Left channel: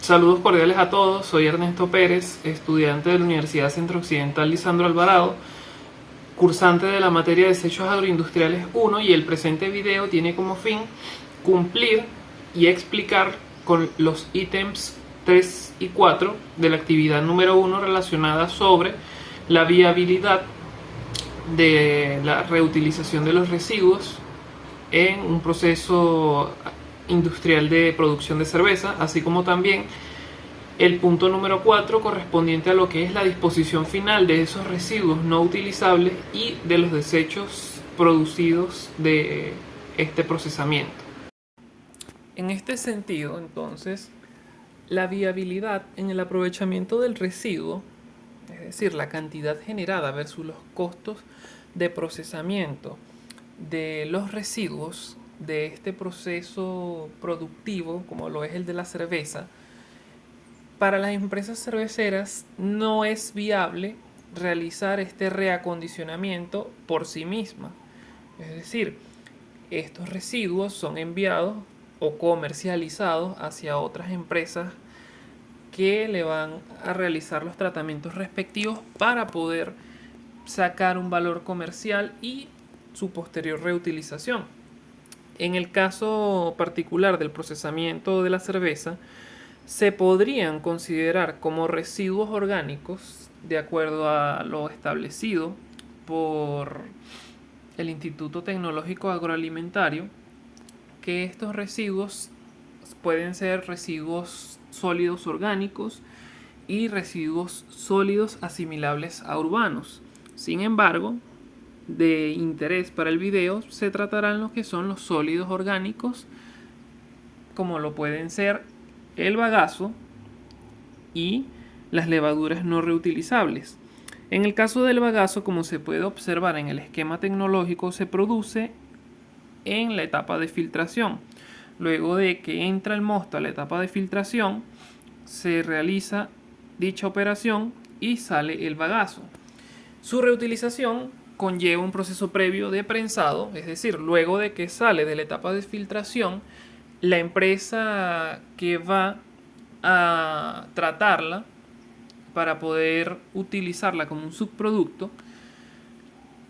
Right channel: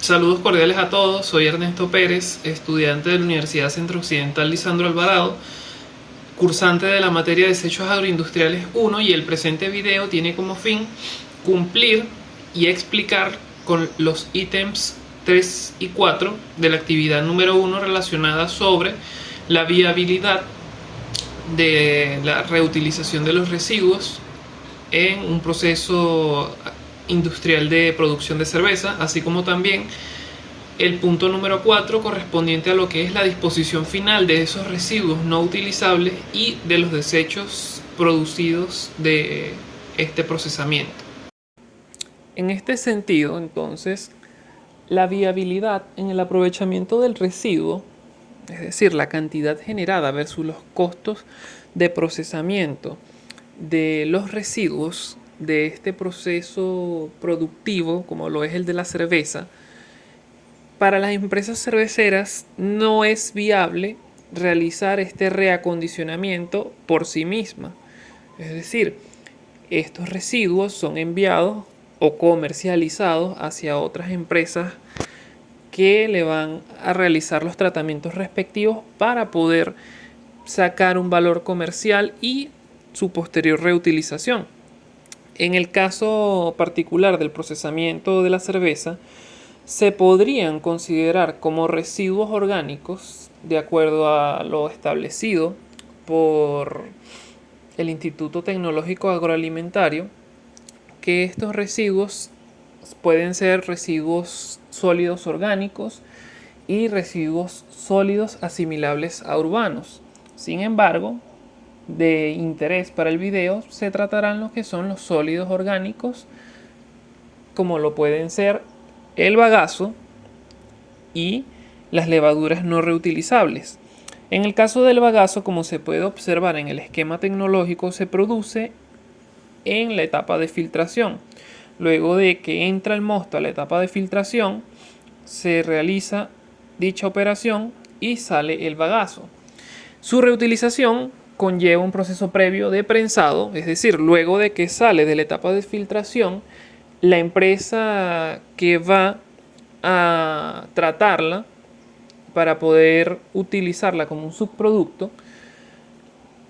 Saludos cordiales a todos, soy Ernesto Pérez, estudiante de la Universidad Centro Occidental Lisandro Alvarado, cursante de la materia de Desechos Agroindustriales 1, y el presente video tiene como fin cumplir y explicar con los ítems 3 y 4 de la actividad número 1 relacionada sobre la viabilidad de la reutilización de los residuos en un proceso industrial de producción de cerveza, así como también el punto número 4 correspondiente a lo que es la disposición final de esos residuos no utilizables y de los desechos producidos de este procesamiento. En este sentido, entonces, la viabilidad en el aprovechamiento del residuo, es decir, la cantidad generada versus los costos de procesamiento de los residuos de este proceso productivo, como lo es el de la cerveza, para las empresas cerveceras no es viable realizar este reacondicionamiento por sí misma. Es decir, estos residuos son enviados o comercializados hacia otras empresas que le van a realizar los tratamientos respectivos para poder sacar un valor comercial y su posterior reutilización. En el caso particular del procesamiento de la cerveza, se podrían considerar como residuos orgánicos de acuerdo a lo establecido por el Instituto Tecnológico Agroalimentario, que estos residuos pueden ser residuos sólidos orgánicos y residuos sólidos asimilables a urbanos. Sin embargo, de interés para el video se tratarán lo que son los sólidos orgánicos, como lo pueden ser el bagazo y las levaduras no reutilizables. En el caso del bagazo, como se puede observar en el esquema tecnológico, se produce en la etapa de filtración. Luego de que entra el mosto a la etapa de filtración, se realiza dicha operación y sale el bagazo. Su reutilización conlleva un proceso previo de prensado, es decir, luego de que sale de la etapa de filtración, la empresa que va a tratarla para poder utilizarla como un subproducto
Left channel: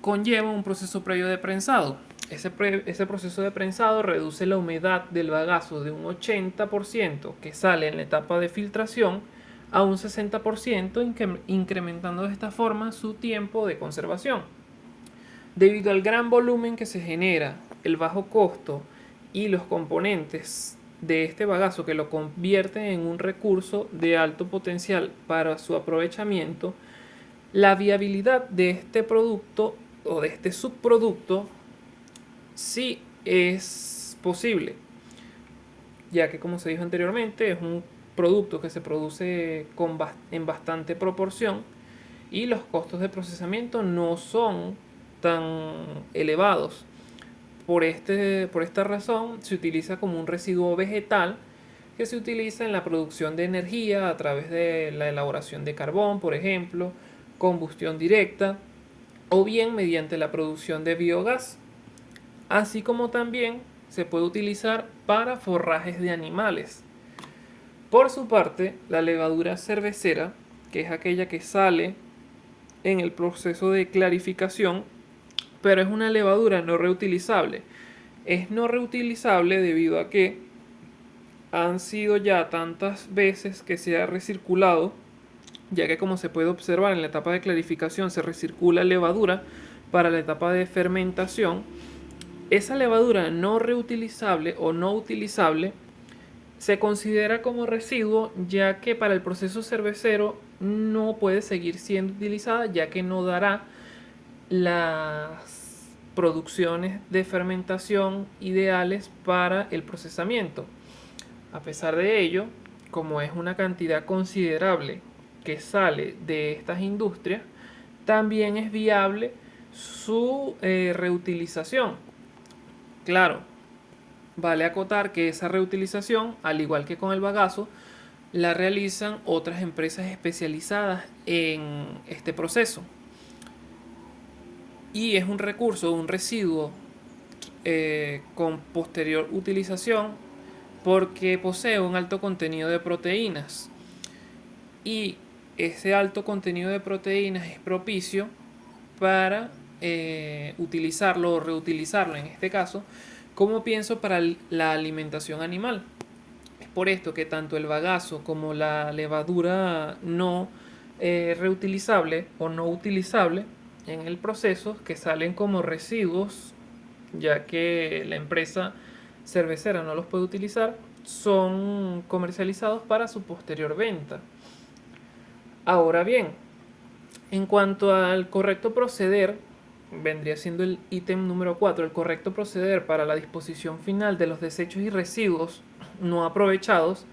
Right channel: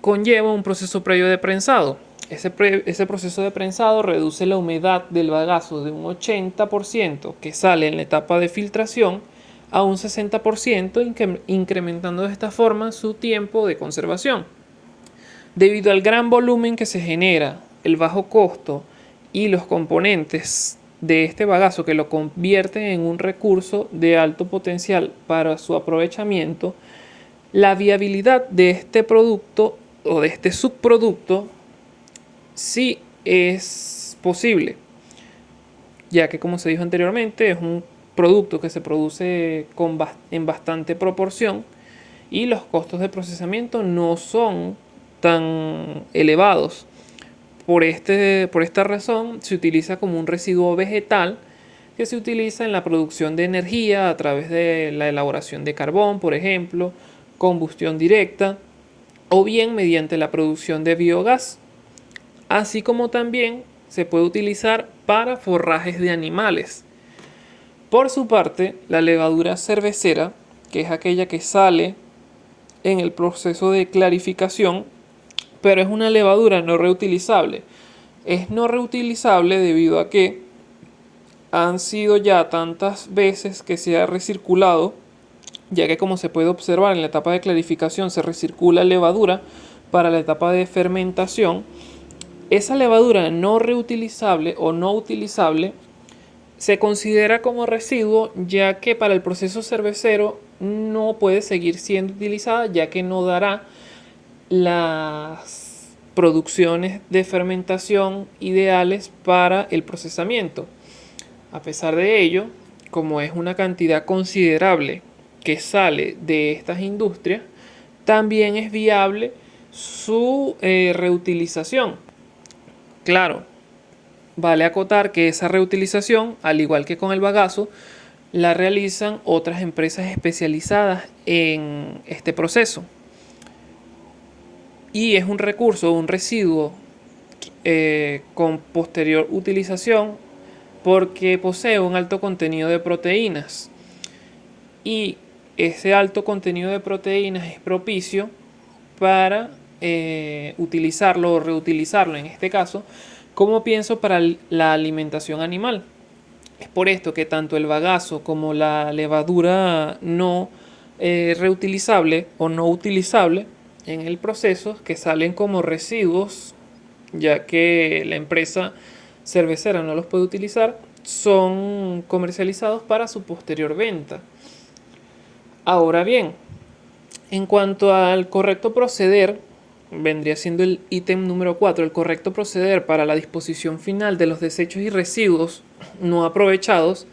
conlleva un proceso previo de prensado. Ese proceso de prensado reduce la humedad del bagazo de un 80% que sale en la etapa de filtración a un 60%, incrementando de esta forma su tiempo de conservación. Debido al gran volumen que se genera, el bajo costo y los componentes de este bagazo que lo convierten en un recurso de alto potencial para su aprovechamiento, la viabilidad de este producto o de este subproducto sí es posible, ya que, como se dijo anteriormente, es un producto que se produce en bastante proporción y los costos de procesamiento no son tan elevados. Por esta razón se utiliza como un residuo vegetal que se utiliza en la producción de energía a través de la elaboración de carbón, por ejemplo, combustión directa, o bien mediante la producción de biogás, así como también se puede utilizar para forrajes de animales. Por su parte, la levadura cervecera, que es aquella que sale en el proceso de clarificación, pero es una levadura no reutilizable. Es no reutilizable debido a que han sido ya tantas veces que se ha recirculado, ya que, como se puede observar, en la etapa de clarificación se recircula levadura para la etapa de fermentación. Esa levadura no reutilizable o no utilizable se considera como residuo, ya que para el proceso cervecero no puede seguir siendo utilizada, ya que no dará las producciones de fermentación ideales para el procesamiento. A pesar de ello, como es una cantidad considerable que sale de estas industrias, también es viable su reutilización. Claro, vale acotar que esa reutilización, al igual que con el bagazo, la realizan otras empresas especializadas en este proceso. Y es un recurso, un residuo con posterior utilización porque posee un alto contenido de proteínas y ese alto contenido de proteínas es propicio para utilizarlo o reutilizarlo en este caso como pienso para la alimentación animal. Es por esto que tanto el bagazo como la levadura no reutilizable o no utilizable en el proceso, que salen como residuos, ya que la empresa cervecera no los puede utilizar, son comercializados para su posterior venta. Ahora bien, en cuanto al correcto proceder, vendría siendo el ítem número 4, el correcto proceder para la disposición final de los desechos y residuos no aprovechados.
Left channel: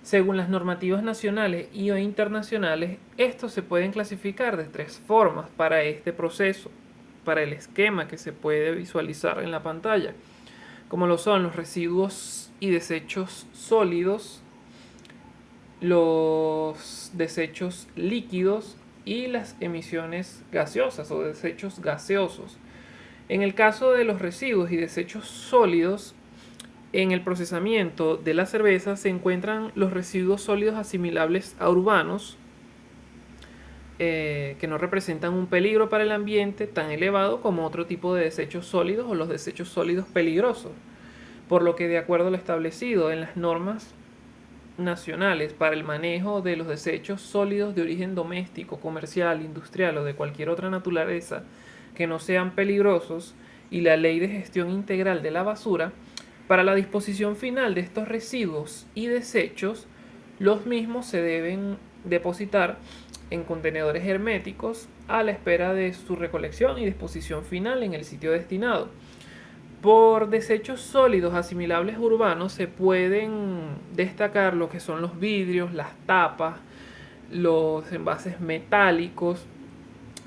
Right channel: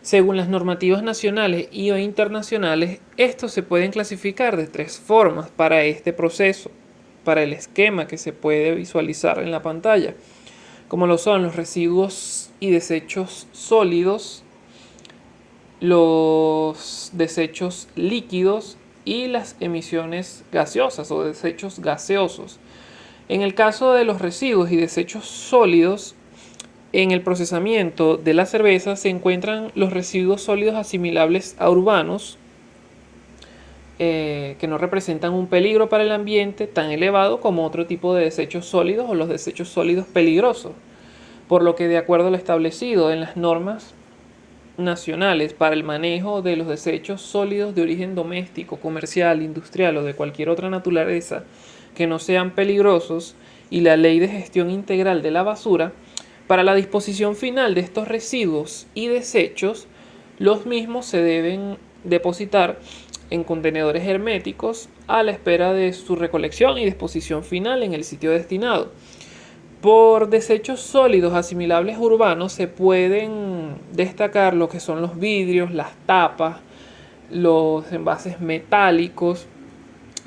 Según las normativas nacionales y o internacionales, estos se pueden clasificar de 3 formas para este proceso, para el esquema que se puede visualizar en la pantalla, como lo son los residuos y desechos sólidos, los desechos líquidos y las emisiones gaseosas o desechos gaseosos. En el caso de los residuos y desechos sólidos, en el procesamiento de la cerveza se encuentran los residuos sólidos asimilables a urbanos, que no representan un peligro para el ambiente tan elevado como otro tipo de desechos sólidos o los desechos sólidos peligrosos, por lo que de acuerdo a lo establecido en las normas nacionales para el manejo de los desechos sólidos de origen doméstico, comercial, industrial o de cualquier otra naturaleza que no sean peligrosos y la Ley de Gestión Integral de la Basura, para la disposición final de estos residuos y desechos, los mismos se deben depositar en contenedores herméticos a la espera de su recolección y disposición final en el sitio destinado. Por desechos sólidos asimilables urbanos se pueden destacar lo que son los vidrios, las tapas, los envases metálicos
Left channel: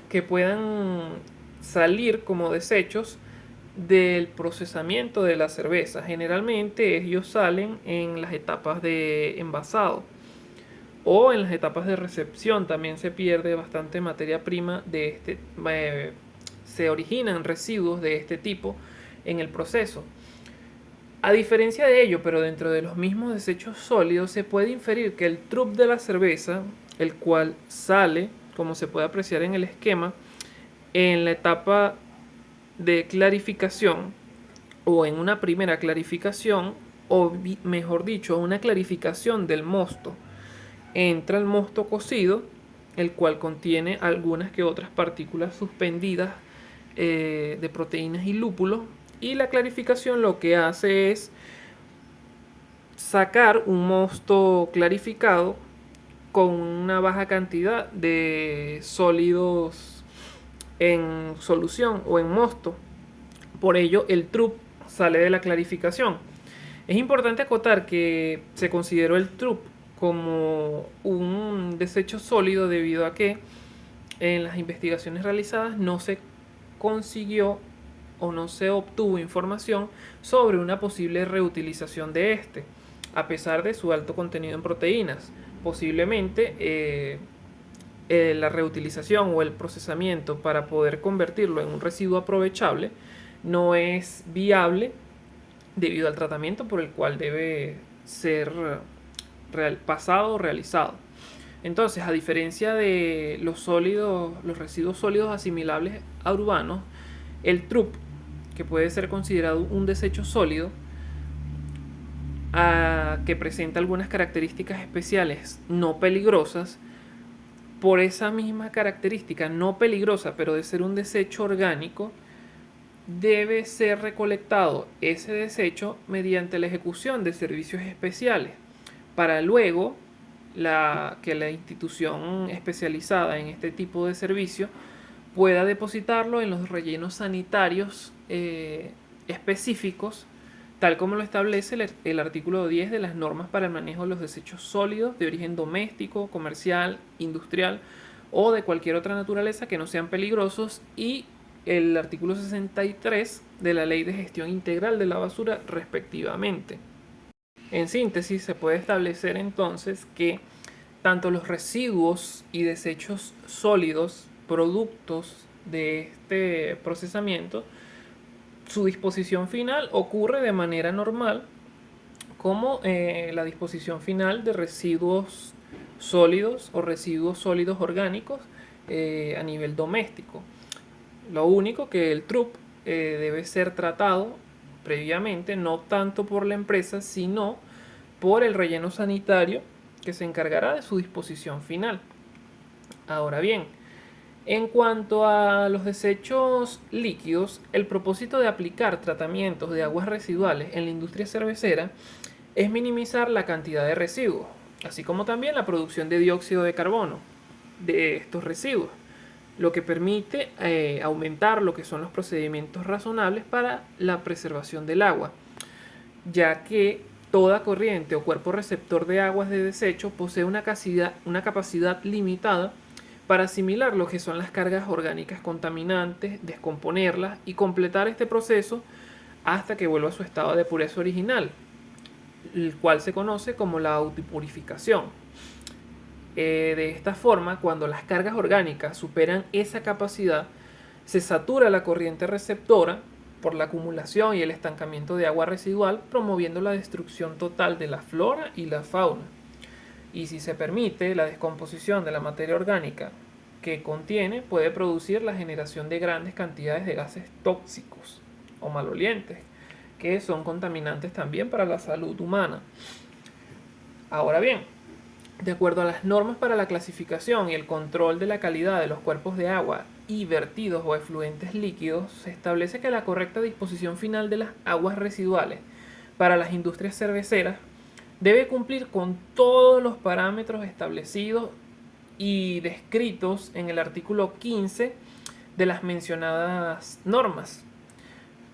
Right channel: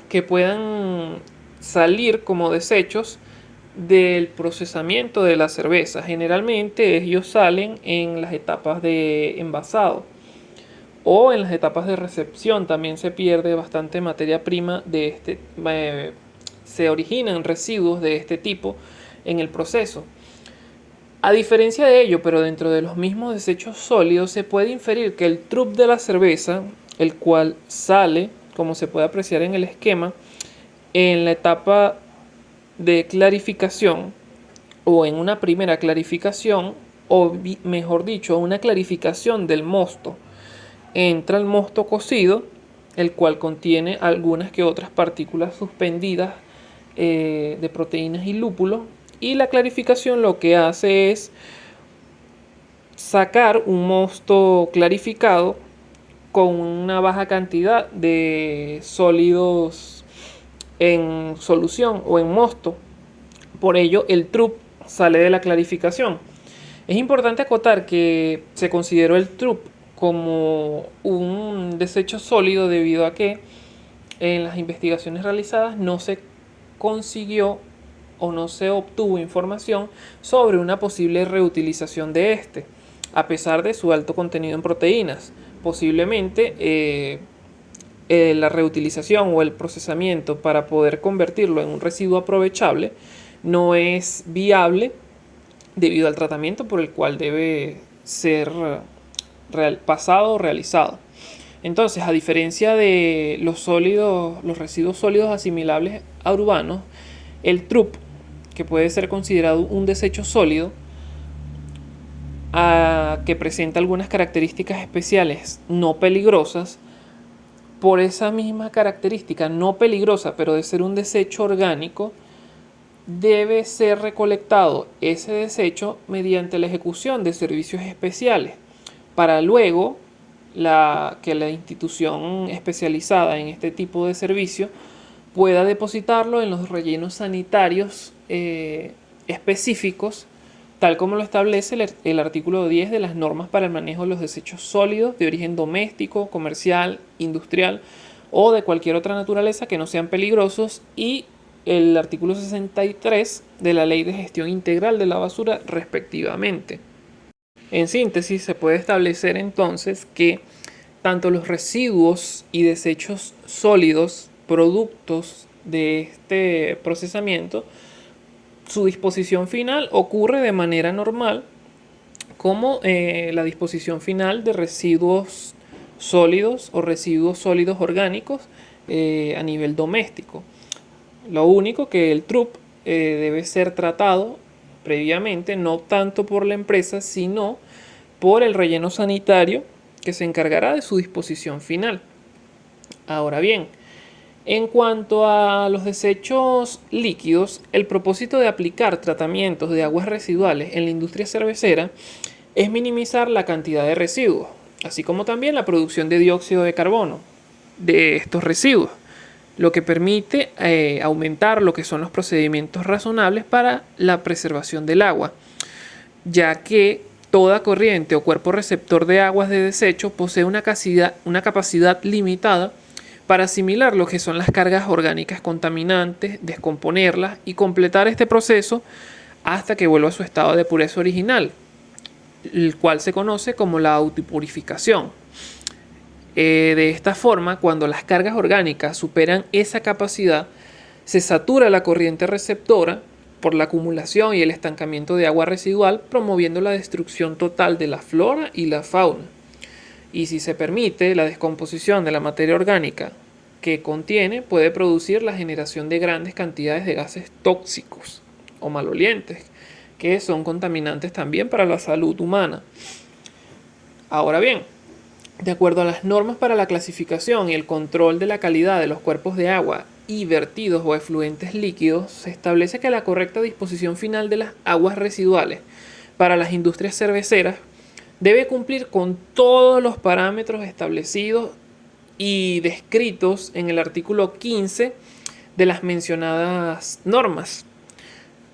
que puedan salir como desechos del procesamiento de la cerveza. Generalmente ellos salen en las etapas de envasado o en las etapas de recepción. También se pierde bastante materia prima de se originan residuos de este tipo en el proceso. A diferencia de ello, pero dentro de los mismos desechos sólidos, se puede inferir que el trup de la cerveza, el cual sale, como se puede apreciar en el esquema, en la etapa de clarificación o en una primera clarificación, o mejor dicho, una clarificación del mosto. Entra el mosto cocido, el cual contiene algunas que otras partículas suspendidas de proteínas y lúpulo, y la clarificación lo que hace es sacar un mosto clarificado con una baja cantidad de sólidos en solución o en mosto. Por ello el trup sale de la clarificación. Es importante acotar que se consideró el trup como un desecho sólido debido a que en las investigaciones realizadas no se consiguió o no se obtuvo información sobre una posible reutilización de este, a pesar de su alto contenido en proteínas. Posiblemente la reutilización o el procesamiento para poder convertirlo en un residuo aprovechable no es viable debido al tratamiento por el cual debe ser pasado o realizado. Entonces, a diferencia de los residuos sólidos asimilables a urbanos, el trup, que puede ser considerado un desecho sólido, que presenta algunas características especiales no peligrosas, por esa misma característica no peligrosa, pero de ser un desecho orgánico, debe ser recolectado ese desecho mediante la ejecución de servicios especiales, para luego que la institución especializada en este tipo de servicio pueda depositarlo en los rellenos sanitarios específicos, tal como lo establece el artículo 10 de las normas para el manejo de los desechos sólidos de origen doméstico, comercial, industrial o de cualquier otra naturaleza que no sean peligrosos, y el artículo 63 de la Ley de Gestión Integral de la Basura, respectivamente. En síntesis, se puede establecer entonces que tanto los residuos y desechos sólidos, productos de este procesamiento, su disposición final ocurre de manera normal como la disposición final de residuos sólidos o residuos sólidos orgánicos a nivel doméstico. Lo único que el TRUP debe ser tratado previamente, no tanto por la empresa, sino por el relleno sanitario que se encargará de su disposición final. Ahora bien, en cuanto a los desechos líquidos, el propósito de aplicar tratamientos de aguas residuales en la industria cervecera es minimizar la cantidad de residuos, así como también la producción de dióxido de carbono de estos residuos, lo que permite aumentar lo que son los procedimientos razonables para la preservación del agua, ya que toda corriente o cuerpo receptor de aguas de desecho posee una capacidad limitada para asimilar lo que son las cargas orgánicas contaminantes, descomponerlas y completar este proceso hasta que vuelva a su estado de pureza original, el cual se conoce como la autopurificación. De esta forma, cuando las cargas orgánicas superan esa capacidad, se satura la corriente receptora por la acumulación y el estancamiento de agua residual, promoviendo la destrucción total de la flora y la fauna. Y si se permite, la descomposición de la materia orgánica que contiene puede producir la generación de grandes cantidades de gases tóxicos o malolientes, que son contaminantes también para la salud humana. Ahora bien, de acuerdo a las normas para la clasificación y el control de la calidad de los cuerpos de agua y vertidos o efluentes líquidos, se establece que la correcta disposición final de las aguas residuales para las industrias cerveceras debe cumplir con todos los parámetros establecidos y descritos en el artículo 15 de las mencionadas normas.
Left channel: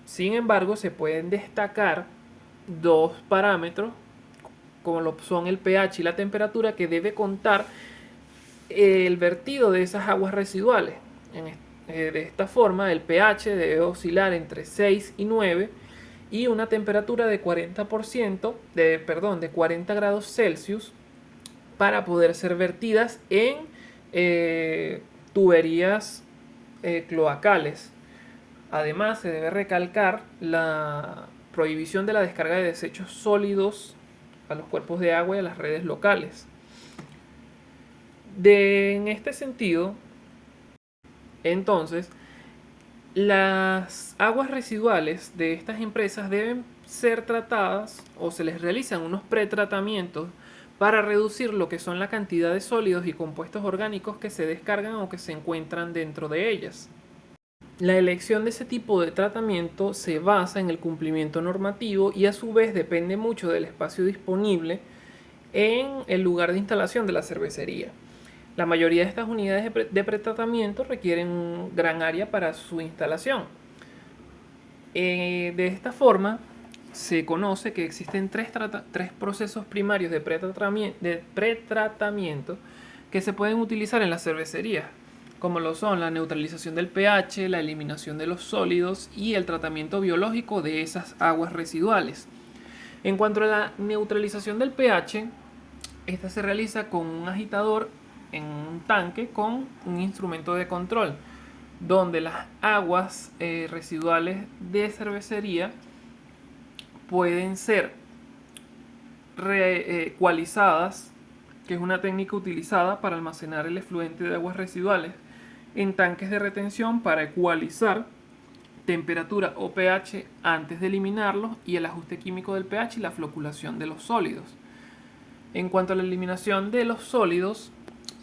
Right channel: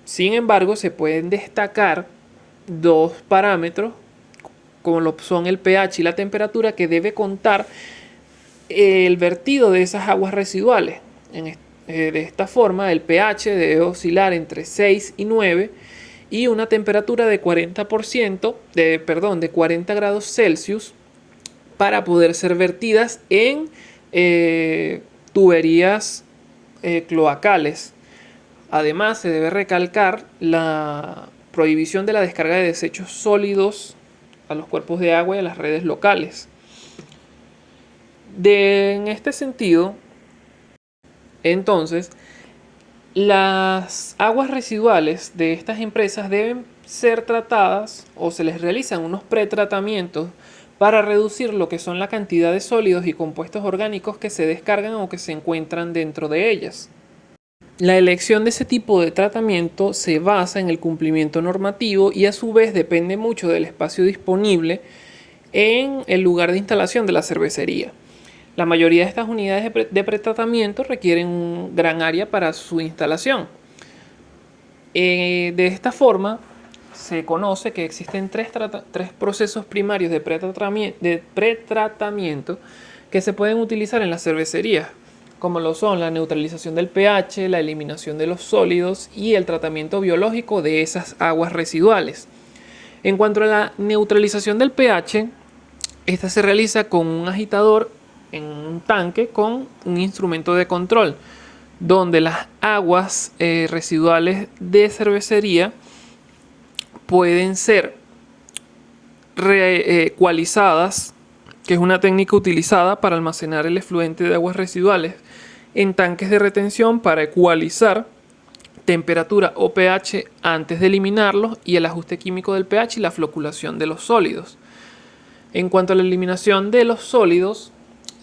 Sin embargo, se pueden destacar dos parámetros, como lo son el pH y la temperatura, que debe contar el vertido de esas aguas residuales. De esta forma, el pH debe oscilar entre 6 y 9 y una temperatura de 40 grados Celsius para poder ser vertidas en tuberías cloacales. Además, se debe recalcar la prohibición de la descarga de desechos sólidos a los cuerpos de agua y a las redes locales. En este sentido, entonces, las aguas residuales de estas empresas deben ser tratadas o se les realizan unos pretratamientos para reducir lo que son la cantidad de sólidos y compuestos orgánicos que se descargan o que se encuentran dentro de ellas. La elección de ese tipo de tratamiento se basa en el cumplimiento normativo y a su vez depende mucho del espacio disponible en el lugar de instalación de la cervecería. La mayoría de estas unidades de pretratamiento requieren un gran área para su instalación. De esta forma, se conoce que existen tres procesos primarios de pretratamiento que se pueden utilizar en las cervecerías, como lo son la neutralización del pH, la eliminación de los sólidos y el tratamiento biológico de esas aguas residuales. En cuanto a la neutralización del pH, esta se realiza con un agitador en un tanque con un instrumento de control, donde las aguas residuales de cervecería pueden ser ecualizadas, que es una técnica utilizada para almacenar el efluente de aguas residuales en tanques de retención para ecualizar temperatura o pH antes de eliminarlos, y el ajuste químico del pH y la floculación de los sólidos. En cuanto a la eliminación de los sólidos,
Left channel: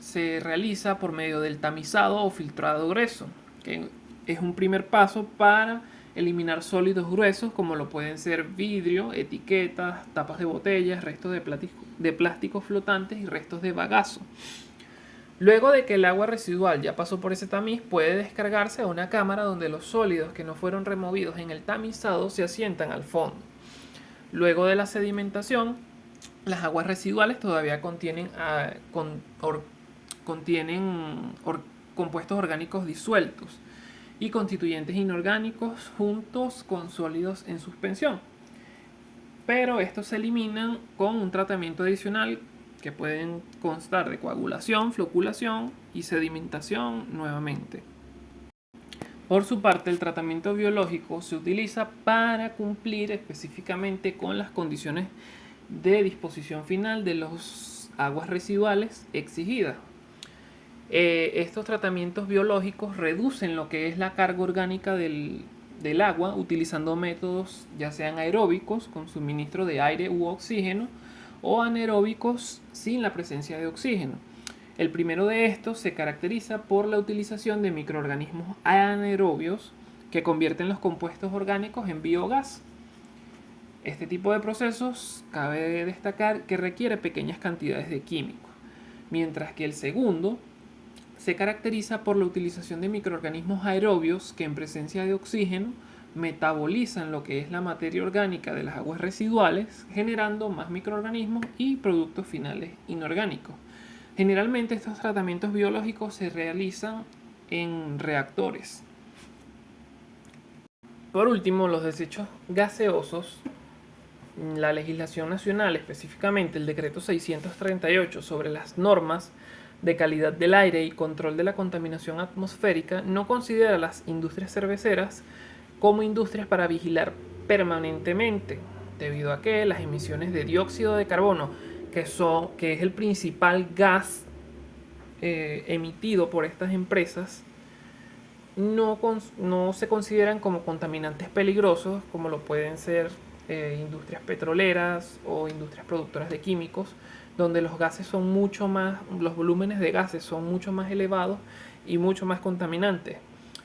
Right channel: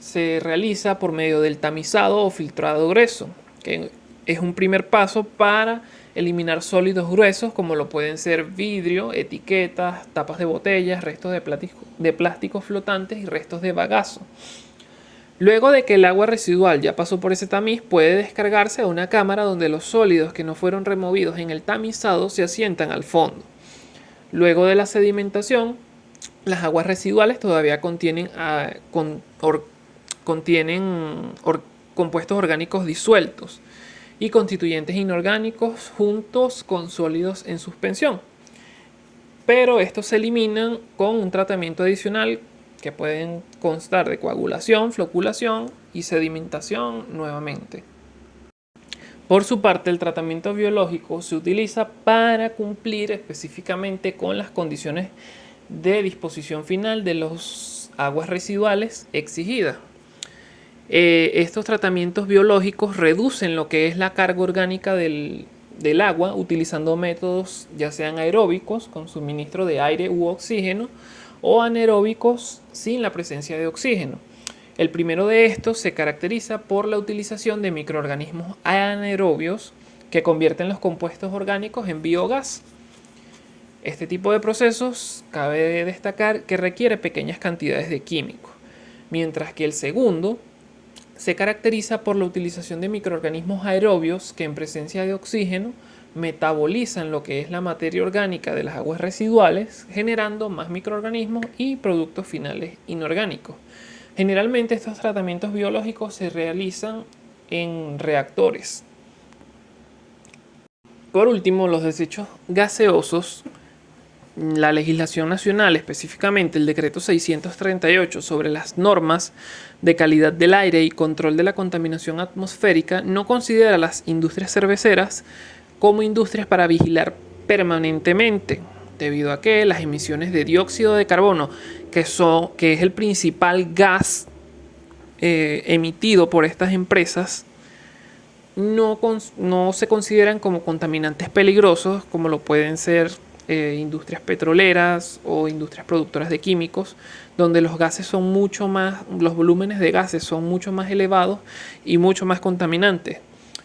se realiza por medio del tamizado o filtrado grueso, que es un primer paso para eliminar sólidos gruesos como lo pueden ser vidrio, etiquetas, tapas de botellas, restos de plásticos flotantes y restos de bagazo. Luego de que el agua residual ya pasó por ese tamiz, puede descargarse a una cámara donde los sólidos que no fueron removidos en el tamizado se asientan al fondo. Luego de la sedimentación, las aguas residuales todavía contienen compuestos orgánicos disueltos y constituyentes inorgánicos juntos con sólidos en suspensión, pero estos se eliminan con un tratamiento adicional que pueden constar de coagulación, floculación y sedimentación nuevamente. Por su parte, el tratamiento biológico se utiliza para cumplir específicamente con las condiciones de disposición final de las aguas residuales exigidas. Estos tratamientos biológicos reducen lo que es la carga orgánica del agua utilizando métodos ya sean aeróbicos con suministro de aire u oxígeno o anaeróbicos sin la presencia de oxígeno. El primero de estos se caracteriza por la utilización de microorganismos anaerobios que convierten los compuestos orgánicos en biogás. Este tipo de procesos cabe destacar que requiere pequeñas cantidades de químicos, mientras que el segundo se caracteriza por la utilización de microorganismos aerobios que en presencia de oxígeno metabolizan lo que es la materia orgánica de las aguas residuales, generando más microorganismos y productos finales inorgánicos. Generalmente estos tratamientos biológicos se realizan en reactores. Por último, los desechos gaseosos. La legislación nacional, específicamente el decreto 638 sobre las normas de calidad del aire y control de la contaminación atmosférica, no considera a las industrias cerveceras como industrias para vigilar permanentemente, debido a que las emisiones de dióxido de carbono, que es el principal gas emitido por estas empresas, no se consideran como contaminantes peligrosos como lo pueden ser industrias petroleras o industrias productoras de químicos, donde los volúmenes de gases son mucho más elevados y mucho más contaminantes.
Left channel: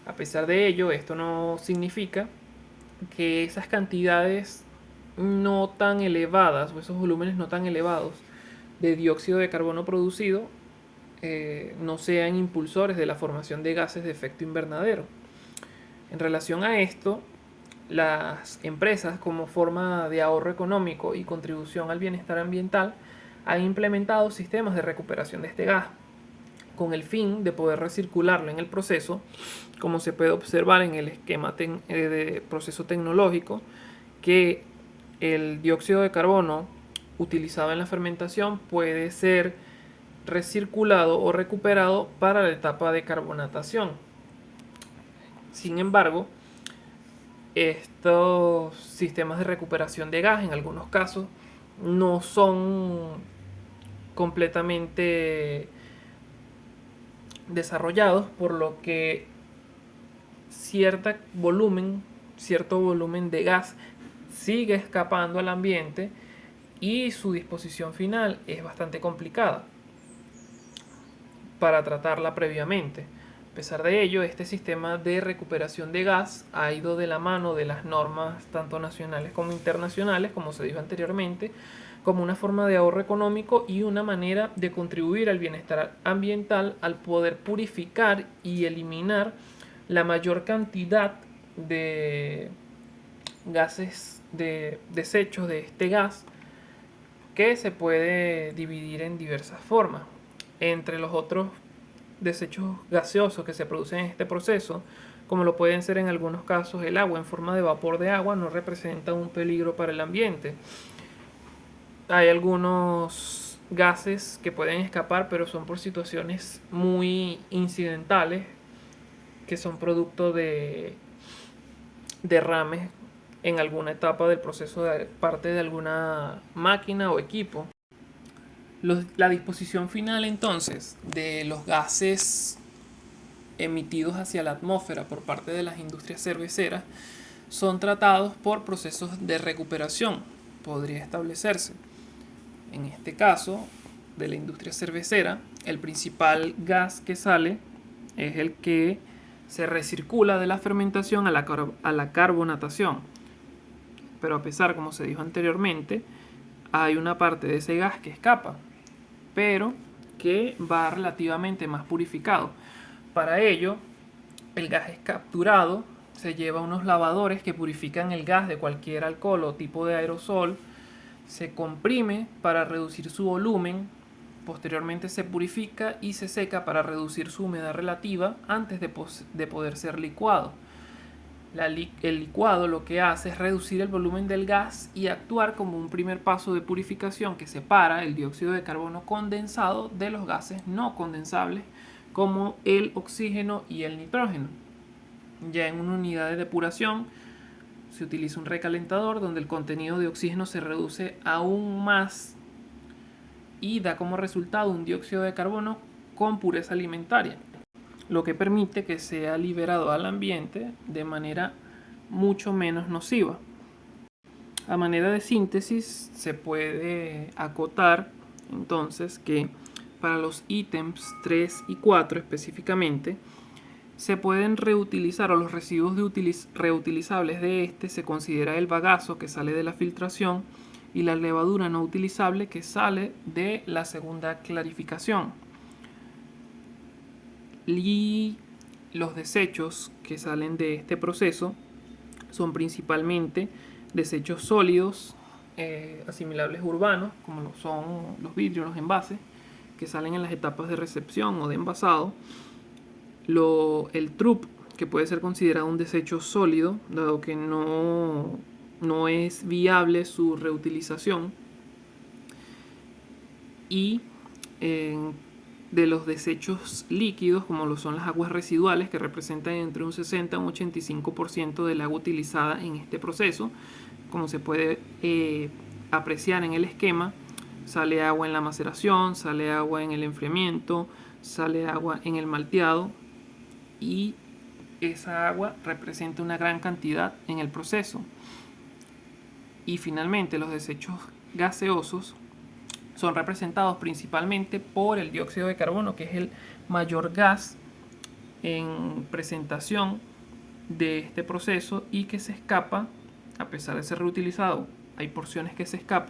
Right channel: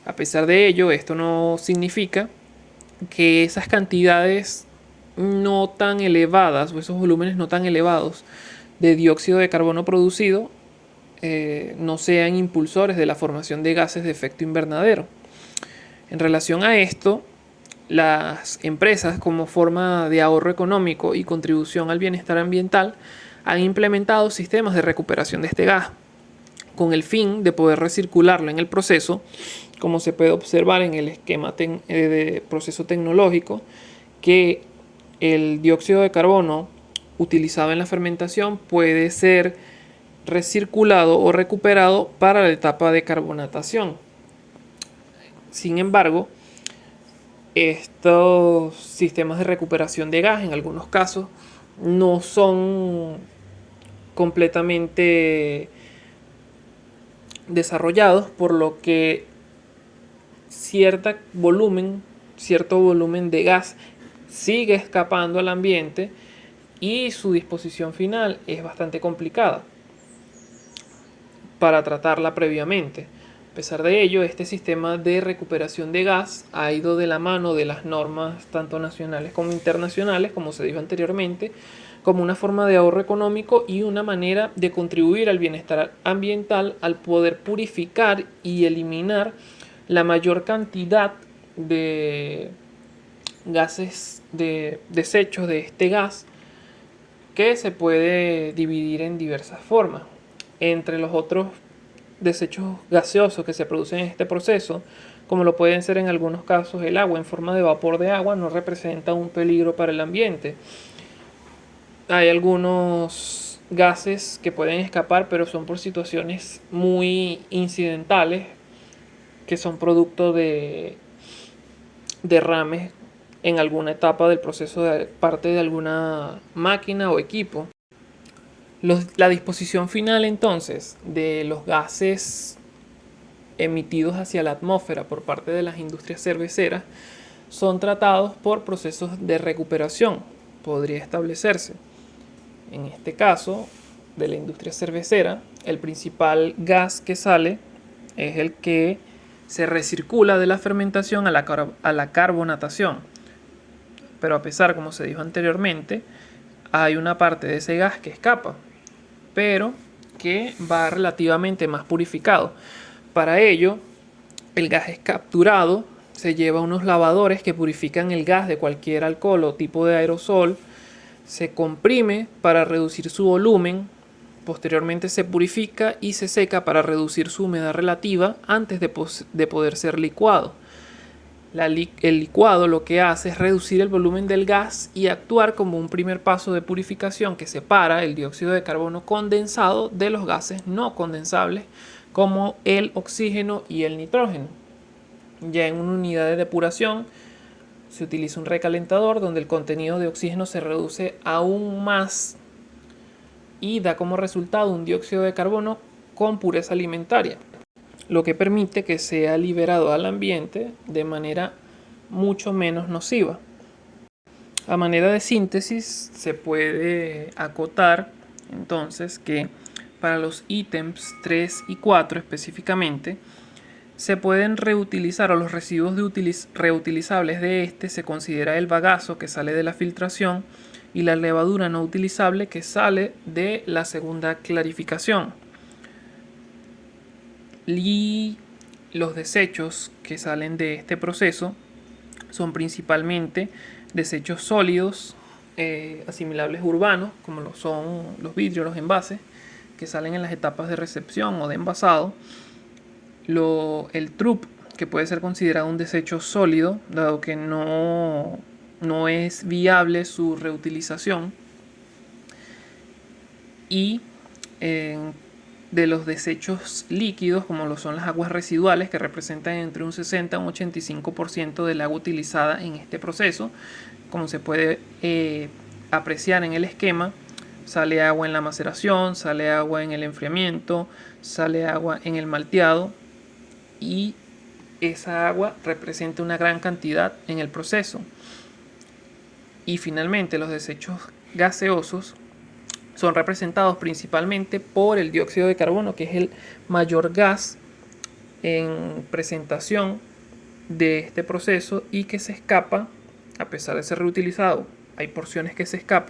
A pesar de ello, esto no significa que esas cantidades no tan elevadas o esos volúmenes no tan elevados de dióxido de carbono producido no sean impulsores de la formación de gases de efecto invernadero. En relación a esto, las empresas, como forma de ahorro económico y contribución al bienestar ambiental, han implementado sistemas de recuperación de este gas con el fin de poder recircularlo en el proceso, como se puede observar en el esquema de proceso tecnológico, que el dióxido de carbono utilizado en la fermentación puede ser recirculado o recuperado para la etapa de carbonatación. Sin embargo, estos sistemas de recuperación de gas en algunos casos no son completamente desarrollados, por lo que cierto volumen de gas sigue escapando al ambiente y su disposición final es bastante complicada para tratarla previamente. A pesar de ello, este sistema de recuperación de gas ha ido de la mano de las normas tanto nacionales como internacionales, como se dijo anteriormente, como una forma de ahorro económico y una manera de contribuir al bienestar ambiental al poder purificar y eliminar la mayor cantidad de gases, de desechos de este gas, que se puede dividir en diversas formas. Entre los otros desechos gaseosos que se producen en este proceso, como lo pueden ser en algunos casos el agua en forma de vapor de agua, no representa un peligro para el ambiente. Hay algunos gases que pueden escapar, pero son por situaciones muy incidentales, que son producto de derrames en alguna etapa del proceso de parte de alguna máquina o equipo. La disposición final entonces de los gases emitidos hacia la atmósfera por parte de las industrias cerveceras son tratados por procesos de recuperación, podría establecerse. En este caso, de la industria cervecera, el principal gas que sale es el que se recircula de la fermentación a la carbonatación. Pero a pesar, como se dijo anteriormente, hay una parte de ese gas que escapa, pero que va relativamente más purificado. Para ello, el gas es capturado, se lleva a unos lavadores que purifican el gas de cualquier alcohol o tipo de aerosol, se comprime para reducir su volumen, posteriormente se purifica y se seca para reducir su humedad relativa antes de poder ser licuado. El licuado lo que hace es reducir el volumen del gas y actuar como un primer paso de purificación que separa el dióxido de carbono condensado de los gases no condensables como el oxígeno y el nitrógeno. Ya en una unidad de depuración se utiliza un recalentador donde el contenido de oxígeno se reduce aún más y da como resultado un dióxido de carbono con pureza alimentaria, lo que permite que sea liberado al ambiente de manera mucho menos nociva. A manera de síntesis se puede acotar entonces que para los ítems 3 y 4 específicamente se pueden reutilizar, o los residuos reutilizables de este se considera el bagazo que sale de la filtración y la levadura no utilizable que sale de la segunda clarificación. Y los desechos que salen de este proceso son principalmente desechos sólidos, asimilables urbanos, como lo son los vidrios, los envases, que salen en las etapas de recepción o de envasado. El TRUP, que puede ser considerado un desecho sólido, dado que no es viable su reutilización. Y de los desechos líquidos, como lo son las aguas residuales, que representan entre un 60 y un 85% del agua utilizada en este proceso. Como se puede apreciar en el esquema, sale agua en la maceración, sale agua en el enfriamiento, sale agua en el malteado, y esa agua representa una gran cantidad en el proceso. Y finalmente los desechos gaseosos son representados principalmente por el dióxido de carbono, que es el mayor gas en presentación de este proceso y que se escapa, a pesar de ser reutilizado. Hay porciones que se escapan